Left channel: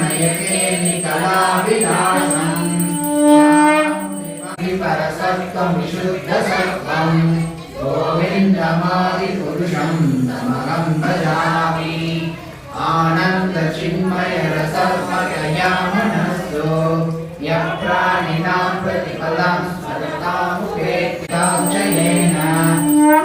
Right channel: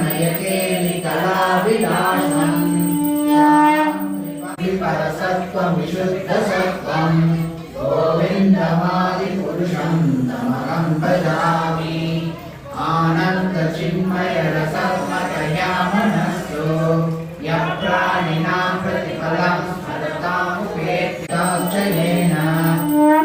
नयते कलाविलासम् परसत्त्वं विशुद्धसत्त्वं गोविन्दमादिपुरुषं तमहं भजामि आनन्दचिन्मयरसमतया मनस्सु यः प्राणिनां प्रतिफलं स्मरतामुपेत्याश्रयेण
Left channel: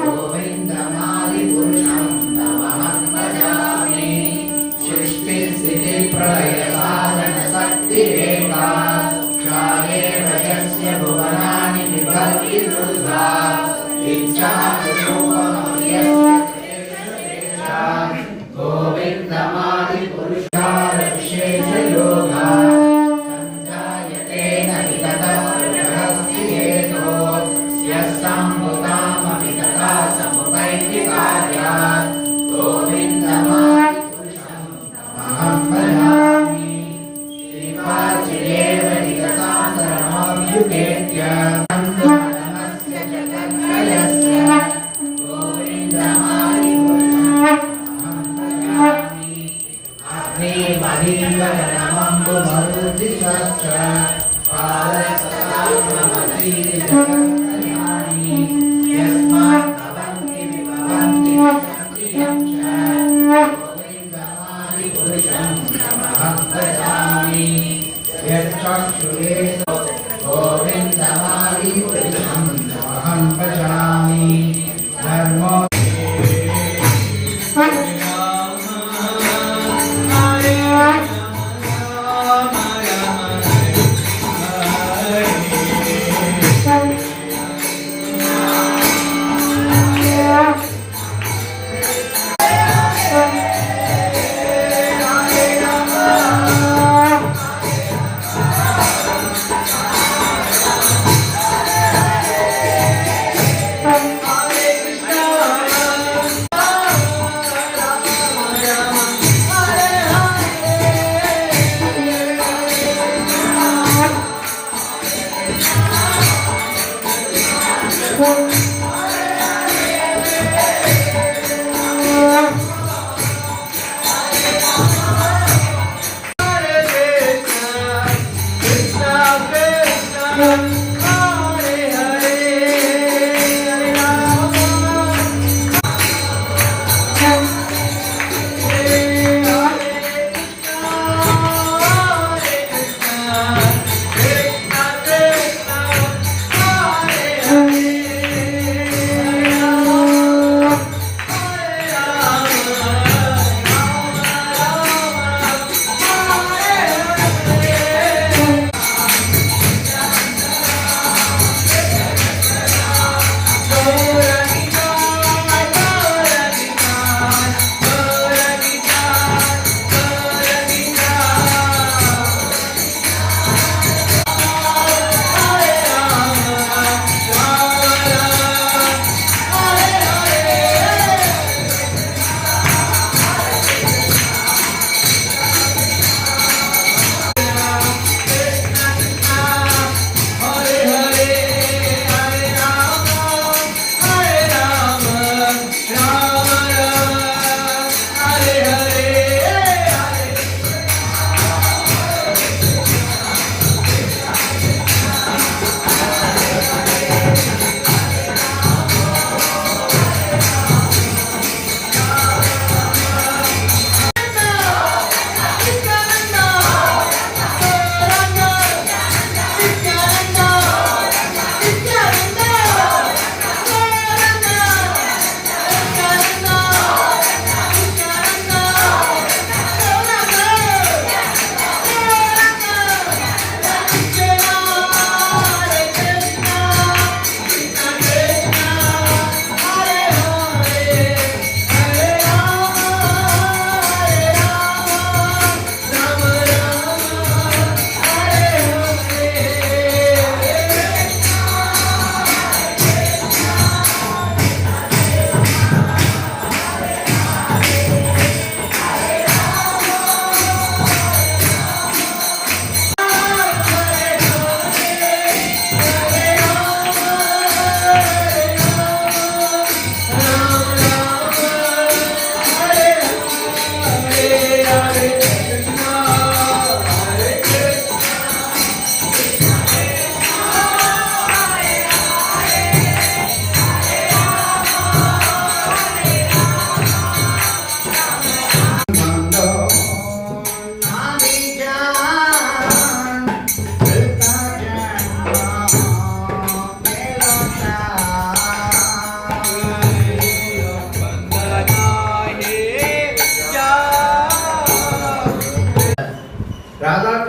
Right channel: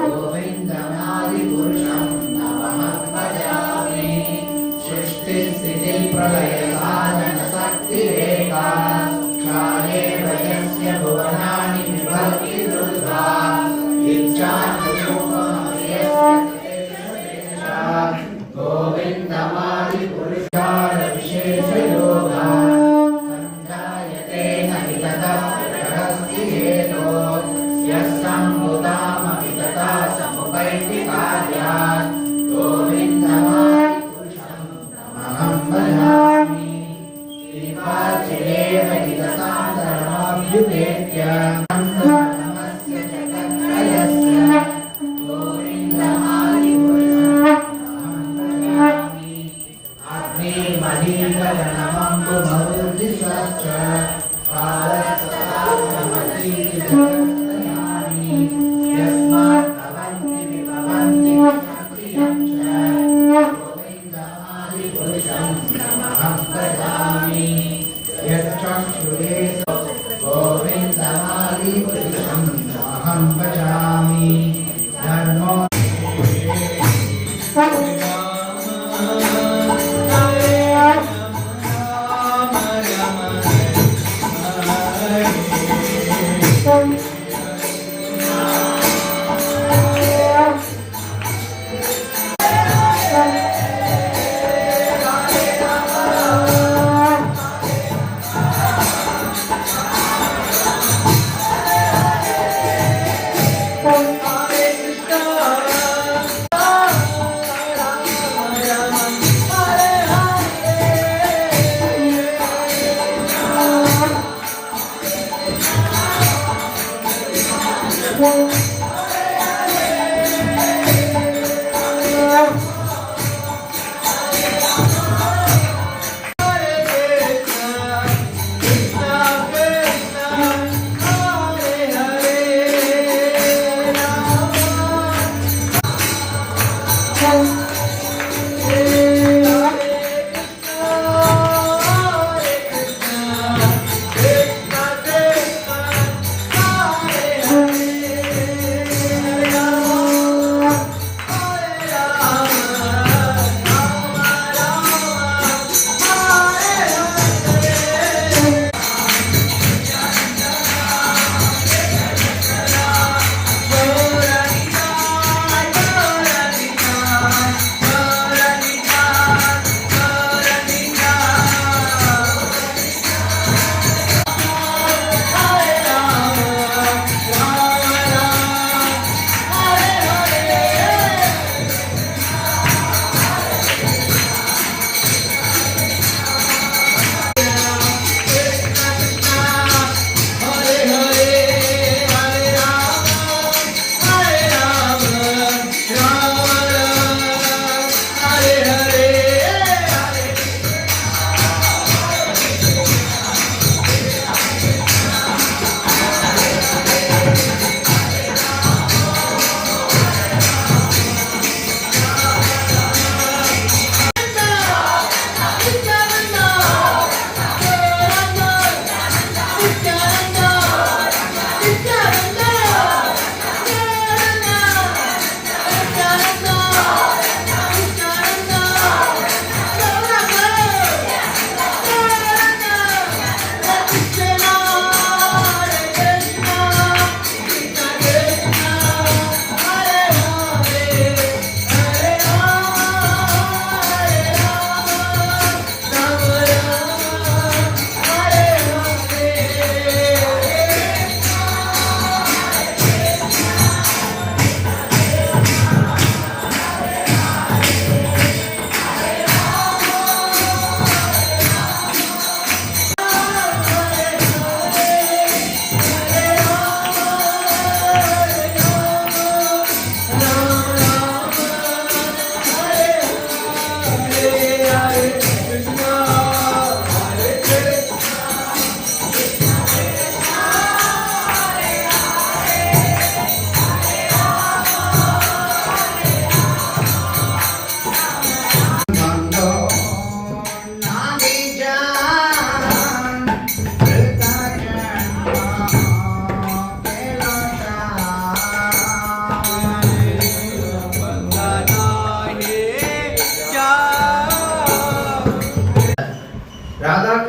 गोविन्दमादिपुरुषं तमहं भजामि सृष्टिस्थितिप्रलयसाधनशक्तिरेका क्षायेव यस्य भुवनानि विभक्ति दुर्गा गोविन्दमादिपुरुषार विशेषयोगा सञ्जायते न विततः प्रहस्तिहेतो यस्सम्भुतामपि तथा समुपैति कार्यात् गोविन्दमादिपुरुषं तमहं भजामि श्रीवाचिरेव विगतां सर्वमभ्युपेत्य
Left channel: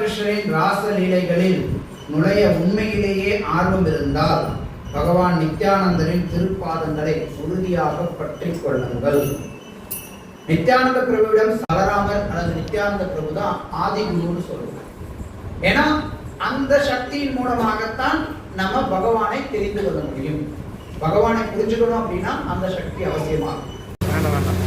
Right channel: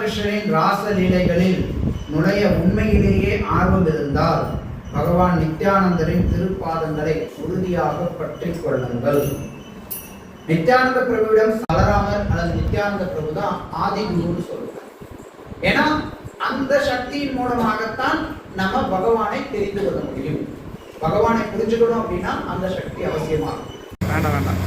கிருஷ்ணரின் ராச லீலைகளில் நுழைய உண்மையிலேயே ஆர்வம் இருந்தால் பகவான் நித்யானந்தரின் திருப்பாதங்களை உறுதியாக பற்றிக் கொள்ளுங்கள். நித்யானந்த பிரபுவிடம் பலராமர் அல்லது நித்யானந்த பிரபு தான் ஆதி குருன்னு சொல்லுவோம். ஏன்னா அந்த சக்தியின் மூலமாகத்தான் நம்ம பகவானை தெரிந்து கொள்ள முடியும். பகவானை புரிஞ்சுக்கணும் அப்படின்னா அந்த சக்தி அவசியமாகும். வேண்டாம் வேண்டாம்.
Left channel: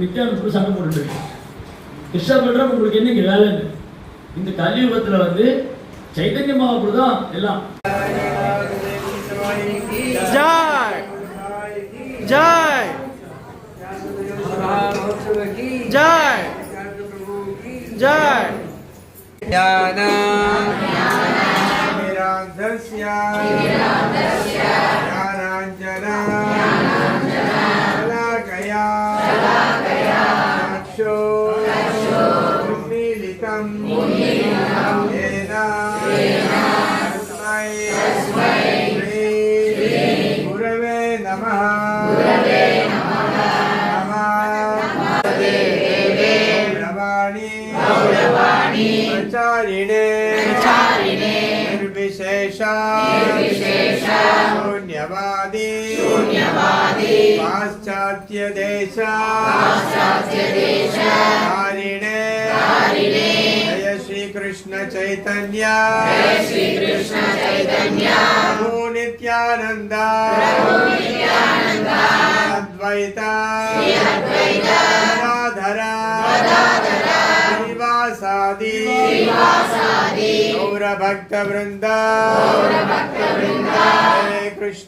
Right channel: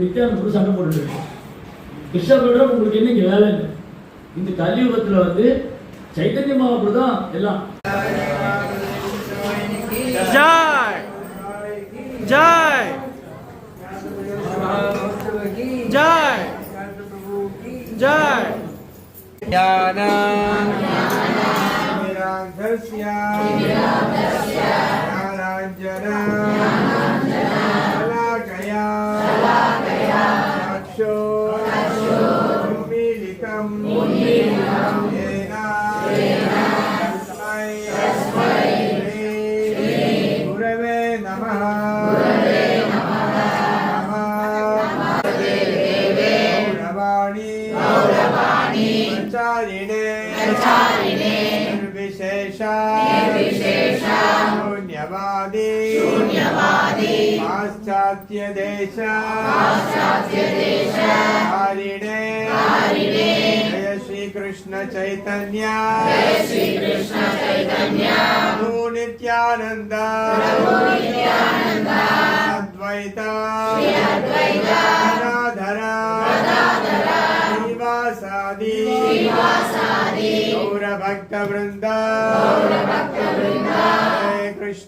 நித்யானந்த சண்டை போட்டு கிருஷ்ண பண்றோம். உங்களுக்கு என்ன வேலை? இந்த கலியுகத்துல வந்து சைதன்ய மகாபிரபு தான் எல்லாம். ஜெய் ஜெய் ஜெய் ஜெய். पाश्चात्य देश जय श्री कृष्ण चैतन्य प्रभु नित्यानंद अद्वैत श्रीवासादि गौर भक्त वृंद.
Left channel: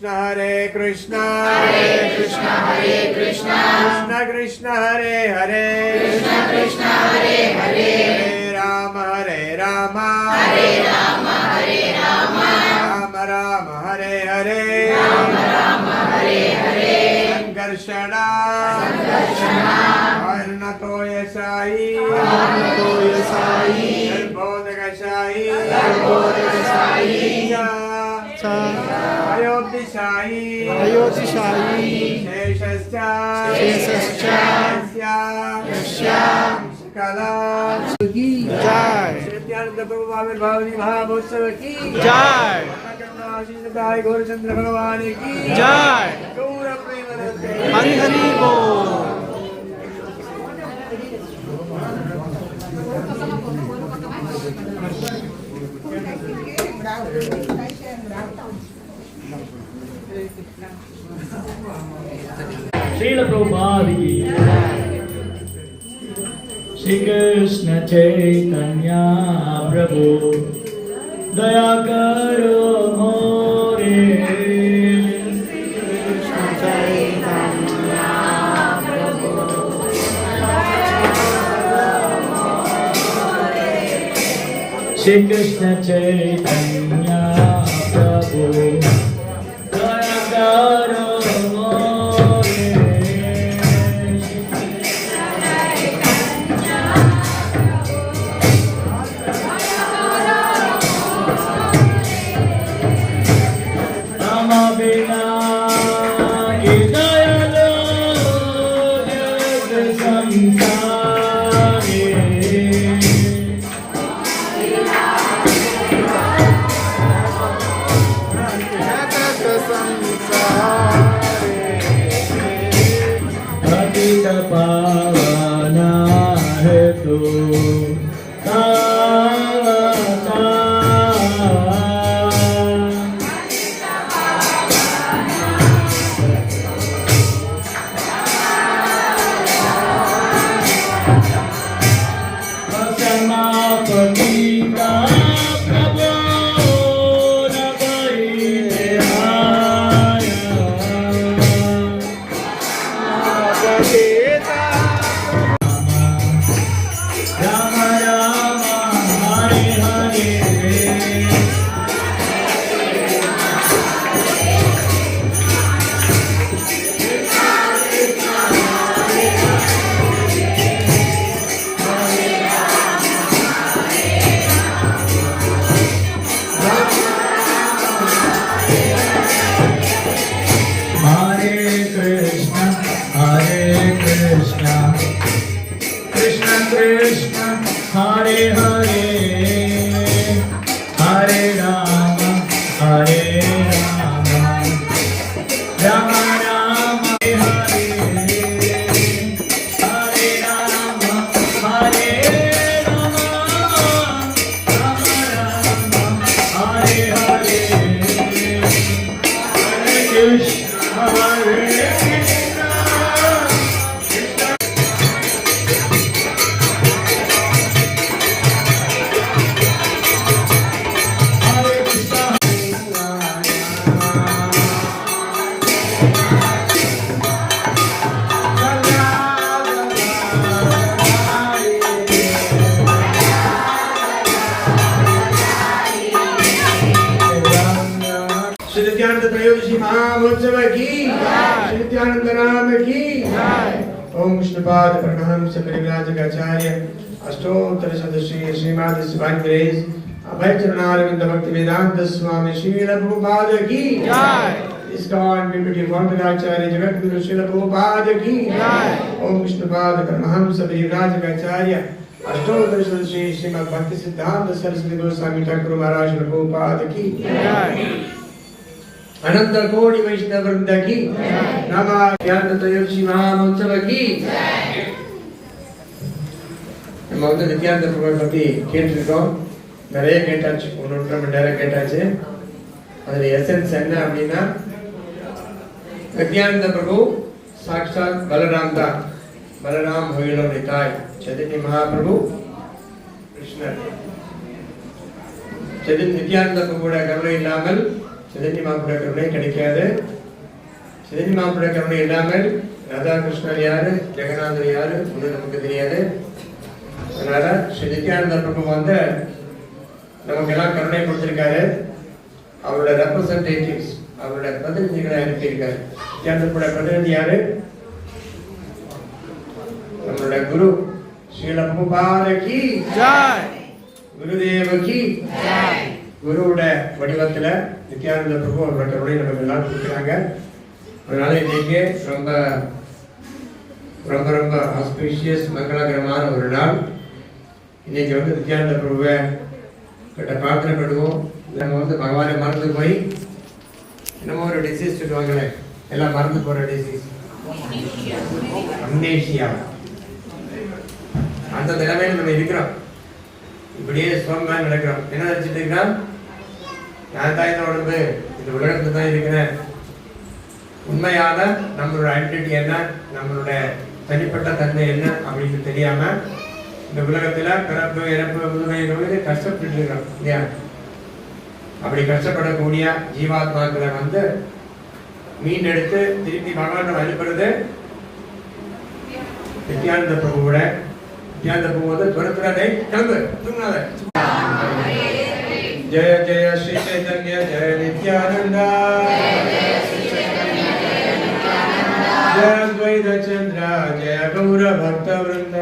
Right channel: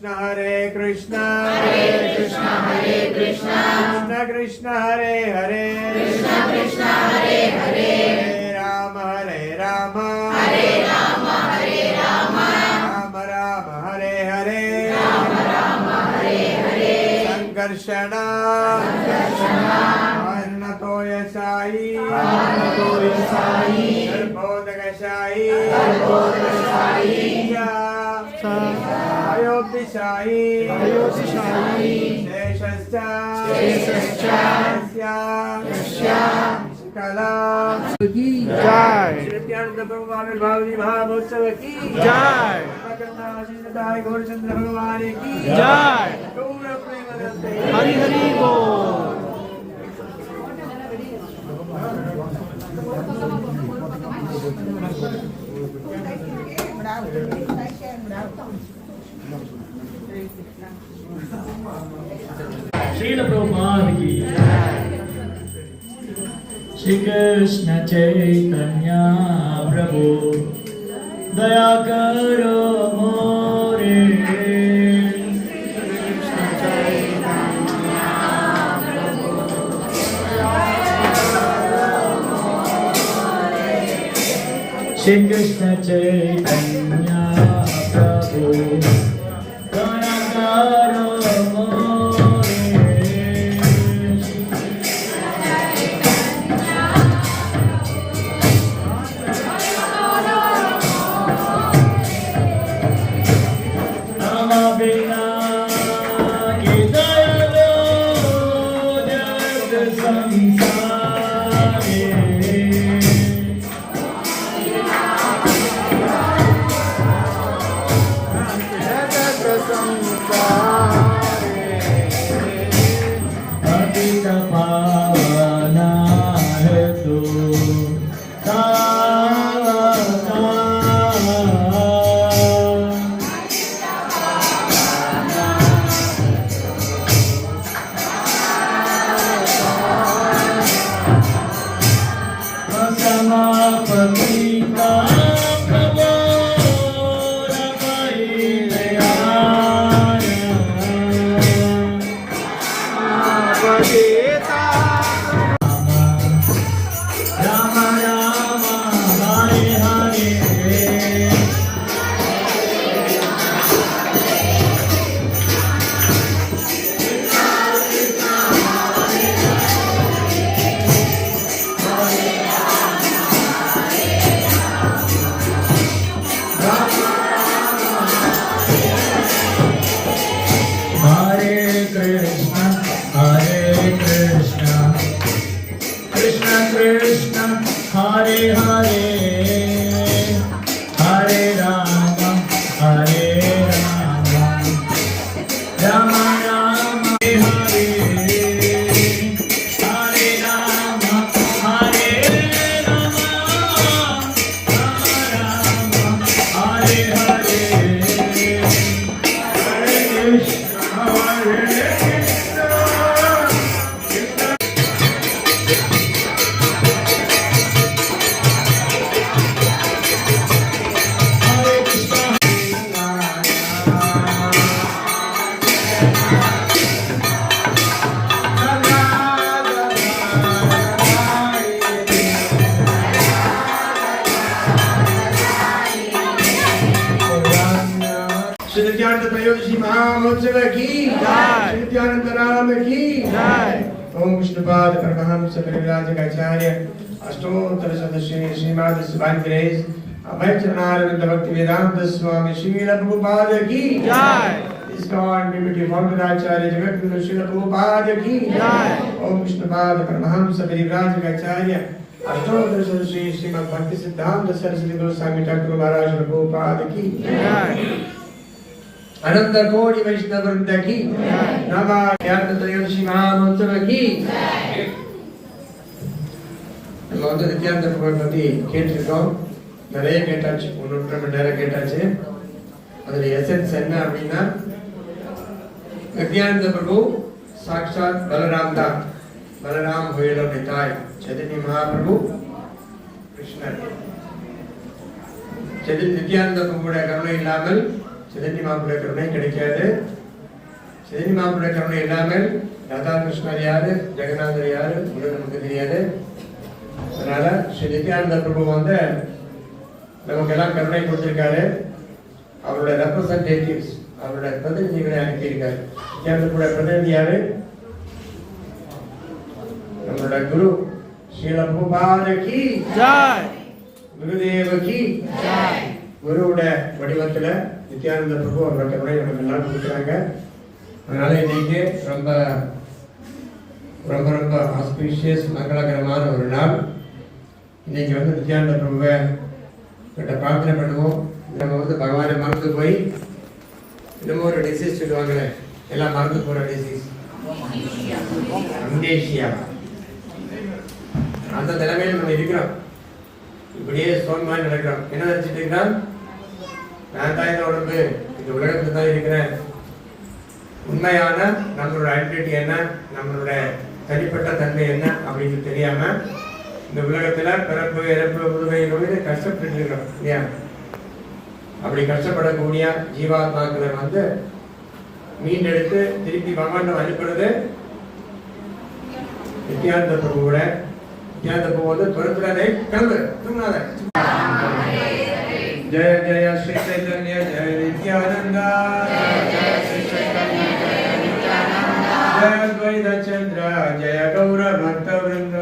हरे कृष्ण कृष्ण कृष्ण कृष्ण हरे हरे हरे राम राम राम राम हरे हरे संकर्षण अन्नतोयसाई बोधकशाई अयोध्याशाही शेषश्च कला जय नित्यानंद प्रभु आविर्भावनी महामहोत्सव की जय गौरचंद्र भगवान की जय. हरि हरि बोल. श्रील प्रभुपाद की श्री कृष्ण चैतन्य प्रभु दया करो मोरे. श्री कृष्ण चैतन्य प्रभु दया करो त्रयोदशी महामहोत्सव की जय। नित्यानंद राम की जय। ओम विष्णुपाद परमहंस परिव्राजकाचार्य अष्टोत्तर सदस्य श्रीमद शिवानंद ग्रेस अभय चरणारविंद भक्ति वेदांत स्वामी श्रील प्रभुपाद की जय। इसकान बिम्बकी वंदनाचार्य जगत गुरु श्रील प्रभुपाद की जय। ओम विष्णुपाद परमहंस परिव्राजकाचार्य अष्टोत्तर सदस्य श्रीमद भक्ति सिद्धांत सरस्वती गोस्वामी ठाकुर महाराज प्रभुपाद की जय। अनंत कोटि वैष्णव वृंद की नमः ज्ञान त्रयोदशी महामहोत्सव की நம்ம வந்து நித்யானந்த பிரபு பத்தி கேட்டிருக்கோம். நிறைய கேட்டாச்சு, ஒன்று மணி நேரம் கேட்டாச்சு. அதுல எசன்ஸ் என்ன அப்படின்னா, நித்யானந்த பிரபு சாக்ஷாத் பலராம் தான். பலராம் ஹோயிலோ நிதாய் சைதன்ய மகாபிரபு கிருஷ்ணர். நித்யானந்த பிரபுவோட கருணை இல்லாமல் சைதன்ய மகாபிரபுவோட கருணை கிடைக்காது. சைதன்ய மகாபிரபுவோட கருணை இல்லாமல் ராதா கிருஷ்ணர் யாரு, ஜெகநாதர் யாரு நமக்கு தெரியாது. அதனால ஸ்ரீ நித்யானந்த பிரபு வந்து நமக்கெல்லாம் கருணை கொடுத்திருக்காரு. அவரோட ரெப்ரசன்டேட்டிவ்ஸ், அவரோட பிரதிநிதிகளை அனுப்பியிருக்காரு. நித்யானந்த பிரபுவோட பிரதிநிதி யாரு? நம்மளோட குரு ஸ்ரீல பிரபுபாத கி जय। குருதேவ கி जय। குருவோட வடிவத்துல நித்யானந்த பிரபு அவரோட கருணை நமக்கு எல்லாம் கொடுக்குறாங்க. அதனால இன்னைக்கு ரொம்ப ரொம்ப ரொம்ப ஆஸ்பீஷியஸ் மங்களகரமான ஒரு நாள். இன்னைக்கு வந்து நித்யானந்த பிரபுவை கிட்ட பிரார்த்தனை பண்ணுவோம். நம்ம வந்து பகவானை மறந்து போய் இன்னமும் ஒரு டிசீஸ் சொல்லுவாங்களே, எல்லாம் மறந்து போற டிசீஸ், அம்னேஷியா, அந்த நிலைமையில நம்ம இருக்கிறோம். இப்படியே சோம்பா நடக்கிறோம். என்ன நினைச்சிட்டு இருக்கிறோம்? நான் தான் இந்த உடம்பு, இந்த உலகத்துல தான் இருக்கிறேன். உண்மையான நம்மளோட ஐடென்டிட்டி என்ன, நம்மளோட தனிப்பட்ட தன்மை என்ன அப்படின்னு தெரியாம இந்த உலகத்துல பிறப்பு இறப்பு முதுமை நோய் கஷ்டப்பட்டு இருக்கிறோம் இல்லையா? அப்படி கஷ்டப்படக்கூடிய ஜீவாத்மாக்களை வந்து மீண்டெடுத்து திருப்பி பகவான் வழிபடுறது நித்யானந்த பிரபுவோட. நித்யானந்த பிரபு வந்து துரத்துறானே, கிளம்பு தூங்காத. जय जय श्री चैतन्य जय नित्यानंद जय द्वैत चंद्र जय गौर भक्त वृंद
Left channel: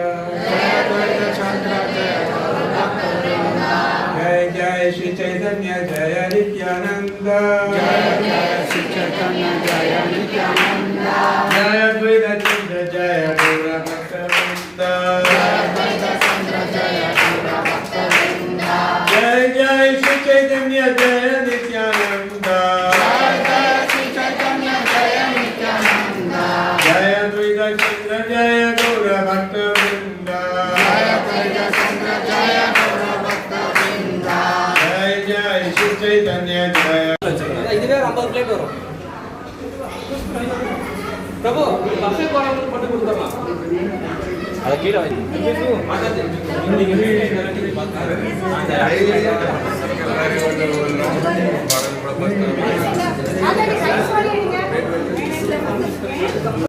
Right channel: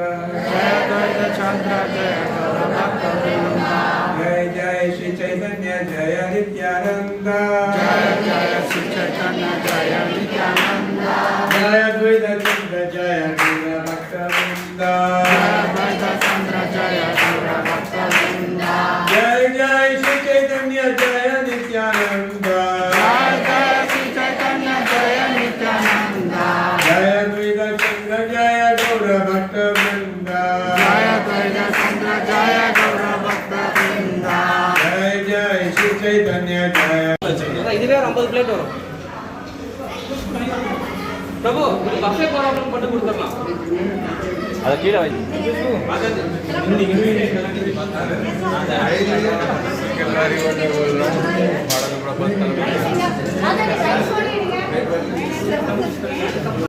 जय द्वैत चंद्र जय गौर भक्त वृंद जय जय श्री चैतन्य जय नित्यानंद जय जय श्री चैतन्य जय नित्यानंद जय द्वैत चंद्र जय गौर भक्त वृंद जय द्वैत चंद्र जय गौर भक्त वृंद जय जय श्री चैतन्य जय नित्यानंद जय जय श्री चैतन्य जय नित्यानंद जय द्वैत चंद्र जय गौर भक्त वृंद जय द्वैत चंद्र जय गौर भक्त वृंद जय जय श्री चैतन्य जय இதுவே 50 பிளேட் வரும். பிரபு இது பஃபே போறவங்களுக்கு மட்டும் கொடுத்துடலாம். அத கீழ வை. இந்த